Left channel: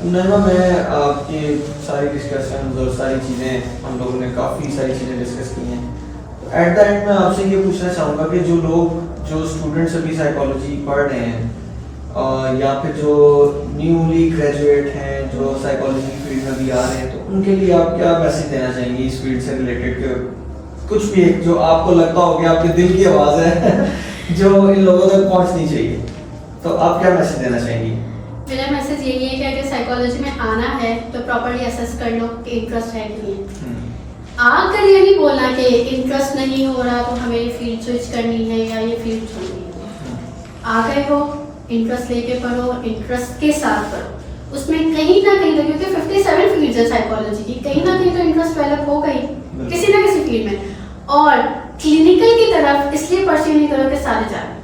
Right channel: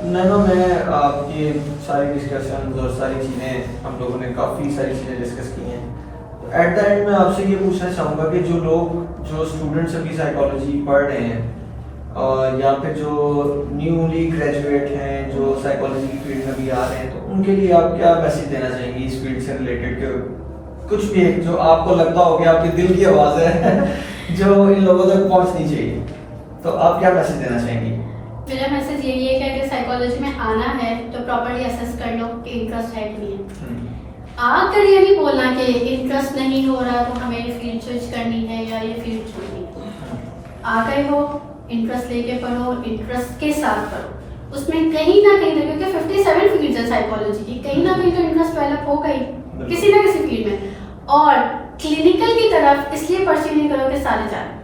नैमा, मैं आपकी सारी डिस्कशन और सारी चीज़ें हम लोगों ने काफ़ी सारी चीज़ें डिस्कस की हैं। तो एट द एंड मैं आपसे ये पूछना चाहूँगा कि जो स्टूडेंट्स अभी साइकोलॉजी पढ़ रहे हैं या फिर जो न्यूली ग्रेजुएट हैं जो साइकोलॉजी की फील्ड में भी आ रहे हैं, तो उनके लिए आप क्या मैसेज देना चाहेंगे इस फील्ड से रिलेटेड के कुछ भी एक जो आपको लगता हो कि आपके दिल की आवाज़ है जो इन लोगों तक पहुँचनी चाहिए, तो आप क्या मैसेज देना चाहेंगी? मेरा मैसेज यही है कि अगर साइकोलॉजी में आना है तो प्रॉपर्ली असेस कर लो कि इंटरेस्ट है कि नहीं है। आकर ये नहीं बोलना कि इंटरेस्ट नहीं हो रहा तो हमें ये फील्ड स्विच करनी है या ये फील्ड छोड़नी है। आ गए हो, इंटरेस्ट लेके पढ़ो, इंटरेस्ट के साथ पढ़ो। उसमें कहीं ना कहीं, क्योंकि 57 फील्ड्स है साइकोलॉजी की, कहीं ना कहीं तो इंटरेस्ट डेवलप होगा ही किसी ना किसी फील्ड में। और क्लिनिकल की तरफ इसलिए परस्यू नहीं करो कि सारे जाए।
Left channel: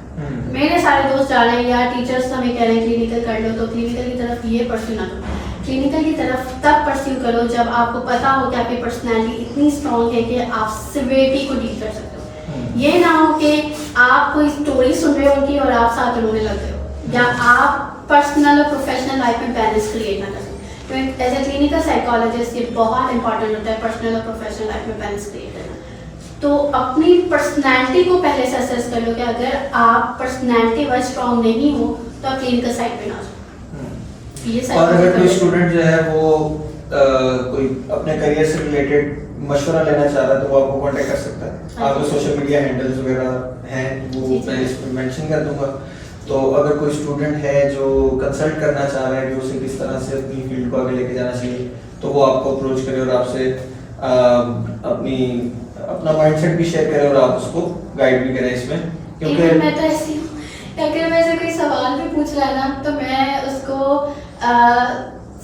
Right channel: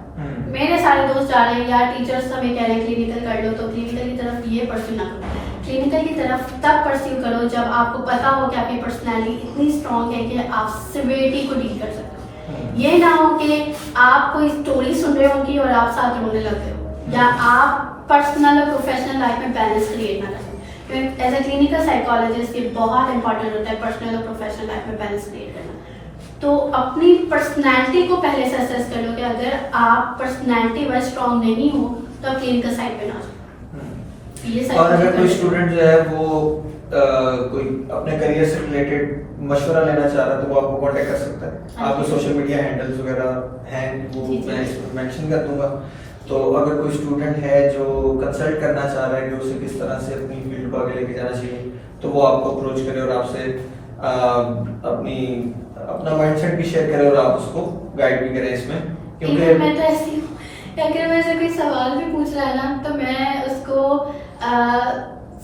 मेरे सारे दोस्त जा रहे हैं या टीचर्स हमें कह रहे हैं क्लिनिकल कर लो, तो क्लिनिकल की तरफ ये परस्यू ना करो। क्लिनिकल की तरफ तब परस्यू करो जब आपको पता हो कि आपकी पर्सनैलिटी इतनी स्ट्रॉन्ग है कि आप सिवियरिटी को डील कर सकते हो। ये ना हो कि आप कोई स्टोरी सुन रहे हो उनकी और आप साथ रोने लग गए हो, या आप पर्सनल और प्रोफेशनल लाइफ में बैलेंस क्रिएट ना कर सकते। तो एज ए क्लिनिकल साइकोलॉजिस्ट ये बहुत इंपॉर्टेंट होता है पर्सनल और प्रोफेशनल लाइफ में बैलेंस क्रिएट करना। तो अपनी पर्सनैलिटी को पहले से असेस कर लो कि अगर आप पर्सनैलिटी वाइज स्ट्रॉन्ग नहीं हो तो आप क्लिनिकल साइड पे ना जाओ। ये और अगर कोई स्टूडेंट जो है वो कोई अपने करियर से रिलेटेड मशवरा लेना चाह रहा है तो वो आपको कांटेक्ट कर सकता है। आपके सोशल मीडिया हैंडल्स वगैरह हैं वो मैं इसमें मेंशन कर दूंगा। तो अगर कोई स्टूडेंट है जो कंसल्ट करना चाह रहा है कि उसे किस तरह से अपनी फील्ड को आगे लेके जाना चाहिए, तो वो आपको अप्रोच करे और आपसे अपना माइंडसेट भी शेयर करें और आप उसको गाइड भी करें इसमें। क्योंकि मैं तो ऐसी हूँ, अगर मैं से कोई सवाल भी पूछ रहा है ना तो मैं उसको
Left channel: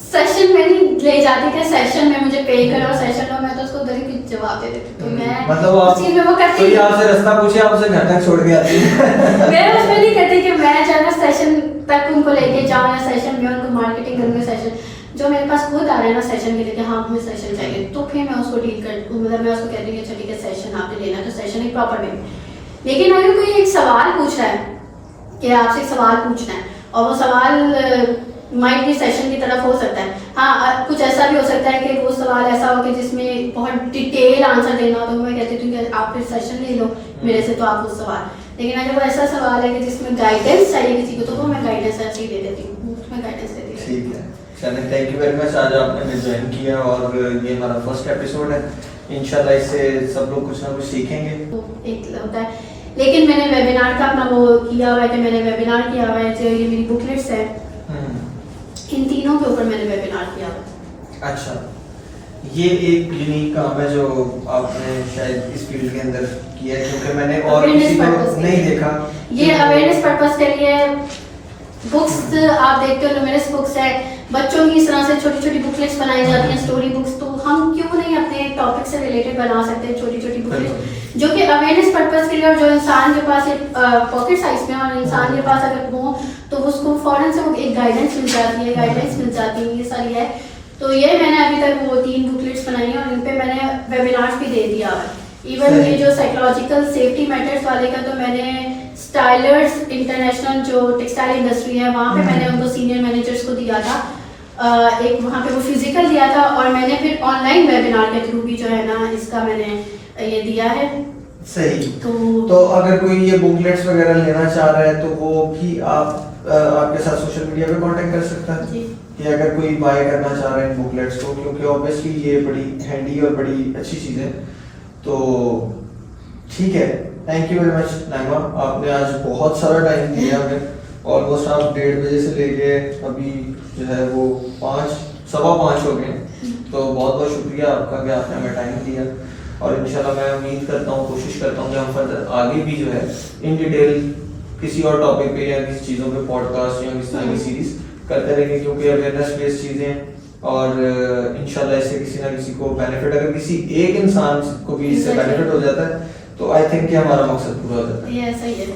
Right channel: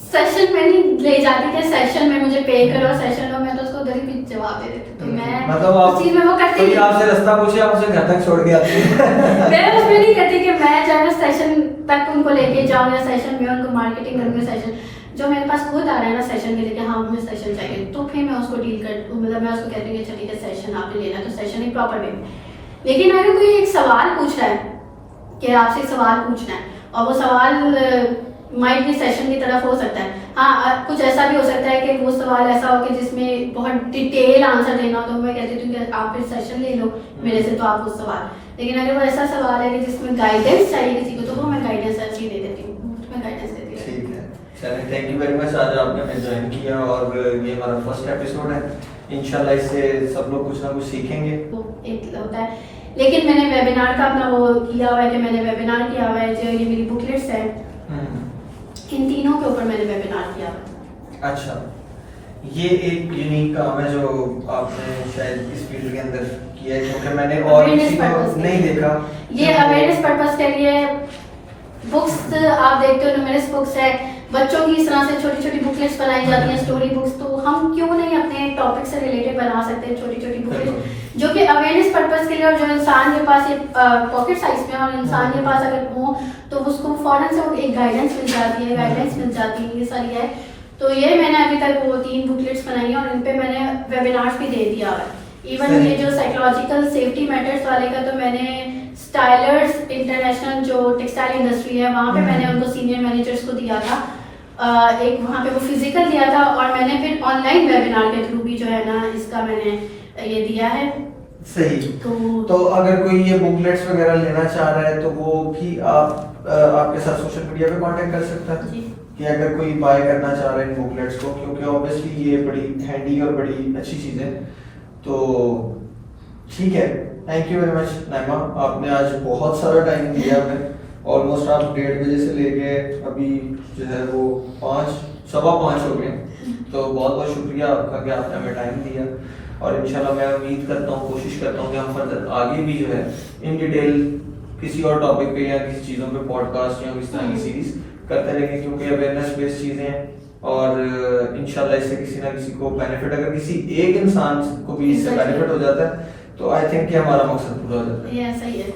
सेशन में नहीं ले जाती कि सेशन में मुझे पे करो, सेशन में मैं तो उसको उधर ही जवाब दे देती हूँ। मैं मतलब उस चीज में वो करती कोई आपसे रास्ता पूछे आप उसे घर तक छोड़ के आती है मैं उसमें नहीं करती कि मैं जाना सेशन तक उनको लेके जाऊँ या सेशन में उनको मार्केटिंग करूँगी। सेशन जो मेरे पास खुद आ रहा है ना सेशन के लिए कि हाँ हमें सेशन चाहिए, तो फिर मैं उसको डील कर, मतलब मैं उसको कहती हूँ कि चलिए सेशन आपने लेना तो सेशन एक प्रॉपर वे। लेकिन अगर कोई एक सवाल पूछ रहा है कि आपसे एक सवाल पूछना है और वो सवाल माइट भी सेशन की तरफ हो सकता है, हाँ कुछ ऐसा भी हो सकता है कि वो सवाल ऐसा हो कि जिसमें बहुत डिटेल आंसर देना हो, तो मैं कहती हूँ कि आप फिर सेशन ले लो मेरे से, तो आप वो सवाल। लेकिन अगर वो ऐसा सवाल है कि जिसमें गाइडेंस चाहिए किसी को, तो वो मैं गाइडेंस ऐसे ही दे देती हूँ, उसमें गाइडेंस देती हूँ। ठीक है, चलिए थैंक यू वेरी मच। आज आपने ज्वाइन किया और ये हमारा फर्स्ट एपिसोड है। इंशाल्लाह इससे सब लोग कुछ ना कुछ सीखेंगे। एक होता है, लेकिन मैंने वेबिनार का अपना वो किया हुआ है कि मैंने वेबिनार किया हुआ है जो ये मेरी बुकलेट्स है, इन तीनों के ऊपर मैंने वेबिनार किया हुआ है। अच्छा, ये एक यूनिक काम है जो आपने शायद इस फील्ड के अंदर किया है, क्योंकि मैंने और किसी को नहीं देखा। ये अवेयरनेस पर्पस के लिए बुक्स आप देखते हो, न्यूमेरस बुक्स है, बच्चों की इस तरह से छोटी छोटी बुकलेट्स बनाई जाती हैं, स्टोरी बुक्स। तो हम क्यों नहीं अपने टॉपिक से रिलेटेड बना सकते हैं छोटी छोटी बुकलेट्स जो कि अवेयरनेस पर्पस के लिए, और जो इंसान के पास ये पॉकेट साइज में और इंसान के पास अगर हो तो उसको फौरन से एक गाइडेंस मिल जाती है, ये सारी है। तो ये मैंने अभी तक वो 3 बुकलेट्स बनाई हैं और इन पे मैंने वेबिनार्स भी दे दिया है। इवन ये जो साइकोलॉजिकल सेफ्टी मैटर्स वाले का तो मैंने स्टाइलर्स इंटरनेशनल जो टेक्सटाइल इंडस्ट्री है वहाँ पे मैंने उनको सीनियर मैनेजर्स को दिया था, एक वहाँ पे वो फिजिकल दिया था, और मैंने फिर ऑनलाइन वेबिनार के थ्रू भी जो है ना इसका मैंने ये दिया है। सही। तो अगर कोई ये बुकलेट्स वगैरह लेना चाह रहा है तो वो भी आपके साथ सोशल मीडिया पे कांटेक्ट कर सकता है कि अगर कोई बाय करना चाह रहा है इन बुकलेट्स को, क्योंकि ऑब्वियसली ये बड़ी हैंडी और बड़ी अच्छी चीज़ है। तो ठीक है, thank you very much Naima, आपने आज बहुत सारा टाइम दिया हमें। ऑलमोस्ट आप 1:30 बजे से लेके अभी जो है वो 5:15 हो गए। तो बहुत बहुत शुक्रिया आपका कि आपने हमें टाइम दिया, और इंशाल्लाह मैं उम्मीद करता हूँ, कोशिश करता हूँ कि हम फर्दर आगे भी जो है इन डिटेल किसी और टॉपिक पे या किसी चीज़ों पे पॉडकास्ट या इस तरह की सीरीज करते रहेंगे, क्योंकि अवेयरनेस बेस्ड चीज़ें और इंशाल्लाह इससे किसी ना किसी को बेनिफिट, अगर किसी एक इंसान को भी इससे बेनिफिट हो जाता है तो आई थिंक कि हमारा मकसद पूरा हो जाता है। ये सही है।